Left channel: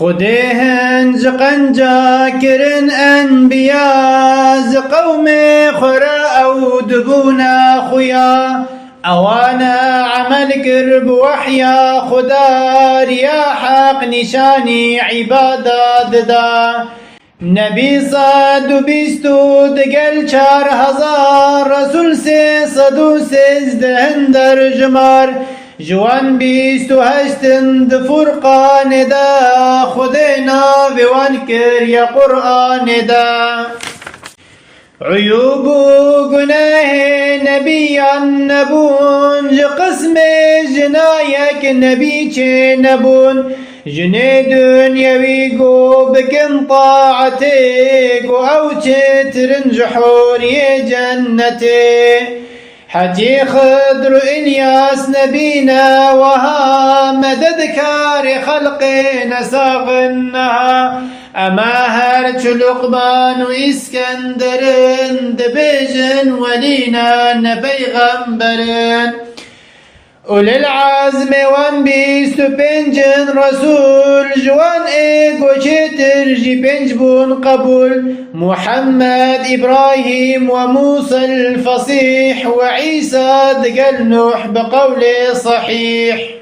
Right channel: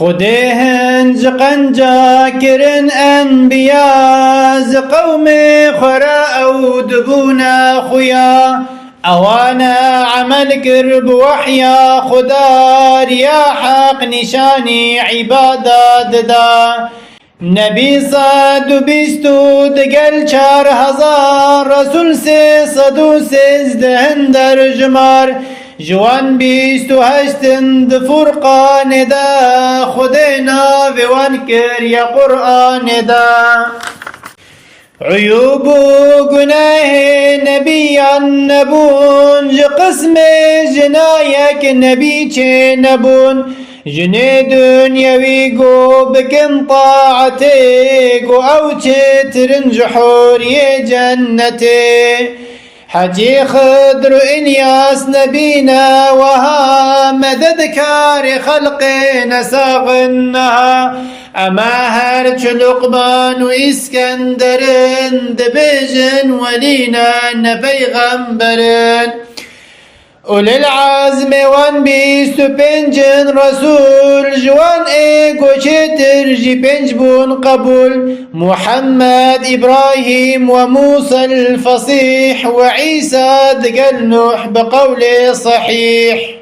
خديهن زقنجا كرن أنبياء زقومي خراء أو دبونا خويا أوانا عمل قرب وحيا خدا يا حق نشاني عبادات دا نبي صد بيستو دقل 4000 رسول 300 دهن در جمار جوان 28 فرقان دا خدينا بوان كر يا قرآن دا عيوب وقناه نبيا نبون لقسم جنايك نبي نبون جني دنيوي قو بكن طاعتك أو ترنج حوري جنتي حجي خضر إلياس نبينا وها مدد كار خلقنا ساغنها أما هرج لقمان وإسكندرن دبجن ولينا نبيغمبرن أولي العزم وان بيستو بنجن رسول جوان ايقو شتر جي بنجبون قبول محمد إبراهيم وموسى الفصيح وعيسى دقل نوح بقول صحيح